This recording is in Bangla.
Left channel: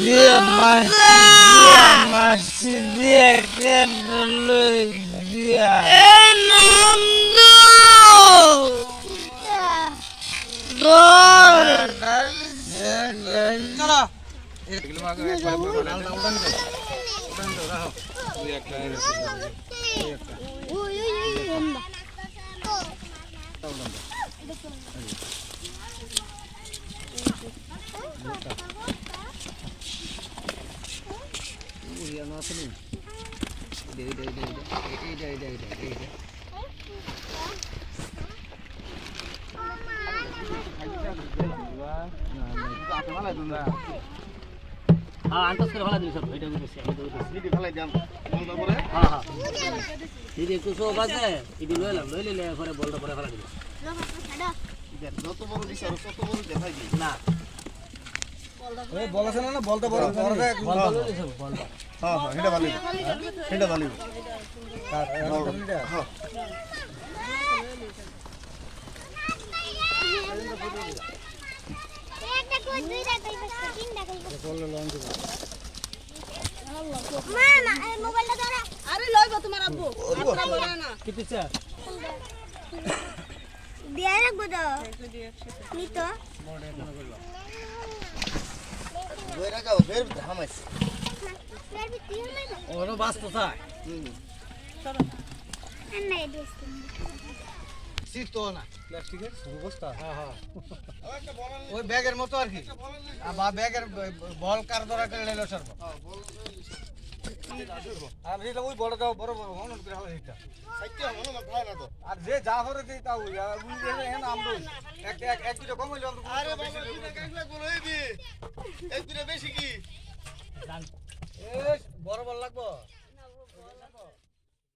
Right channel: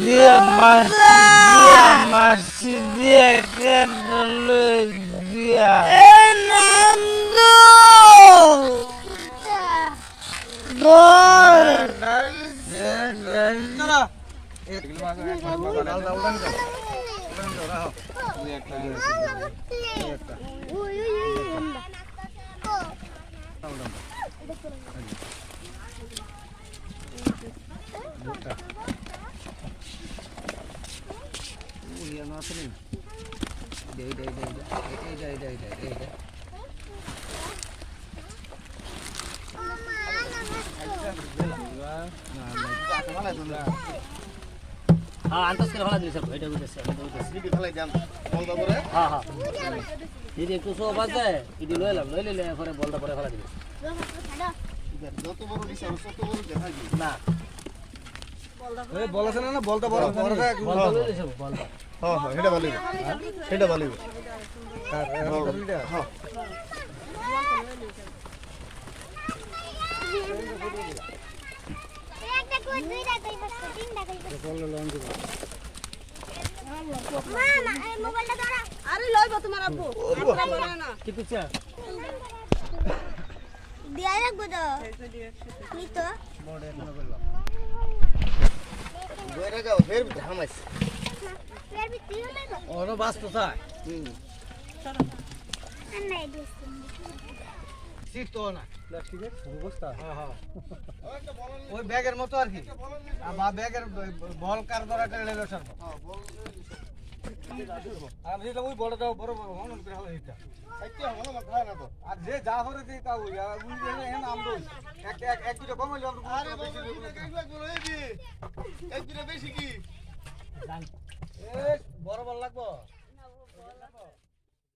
dia masih dia kan dulu dia antas করে ফেলা দিলি সব এটা দিতেছে সিডি ফেলাই দেন বলদা পরে হ্যাঁ দিদি একটু সব আছে ইদি লইলে পরে বলটা পরে ফেলা দিবি যত বড় বিচার তত বড় দেখাই দি না এই বল আছে না বলটা বড় বড়টা বলটা লইলে সব বলটা হ্যাঁ হ্যাঁ এটা ভালো এটা ভালো তার হ্যাঁ আরে লইব তোমার আব্বু একটা বলো না কি পিছা দিয়া রাখবো তো নি তো বড় একটা করব বইরা গাও ফের ধামাইছে ফের বিতি হইলো ওনো বাস্ত থাক নাই দিছি সিট তো না প্লাস্টিকের অবস্থা হ্যাঁ হ্যাঁ ওই ব্যাগের মতো আর কি বা ব্যাগের বল কার দ্বারা করে লইলো স্যার হ্যাঁ বল আর যেটা ওই বড় দাও বড় বড় মন করে হালা এটা সাইতে মনে না ভাই না তো আর যে যা হরে দিই তা ওই এন আমদো এক দুটো কম হইলো আমরা আরে বাবা ব্যাগ বলই দি এক দুটো বেশি কি বড় বল লাগবো না বড় লাগবো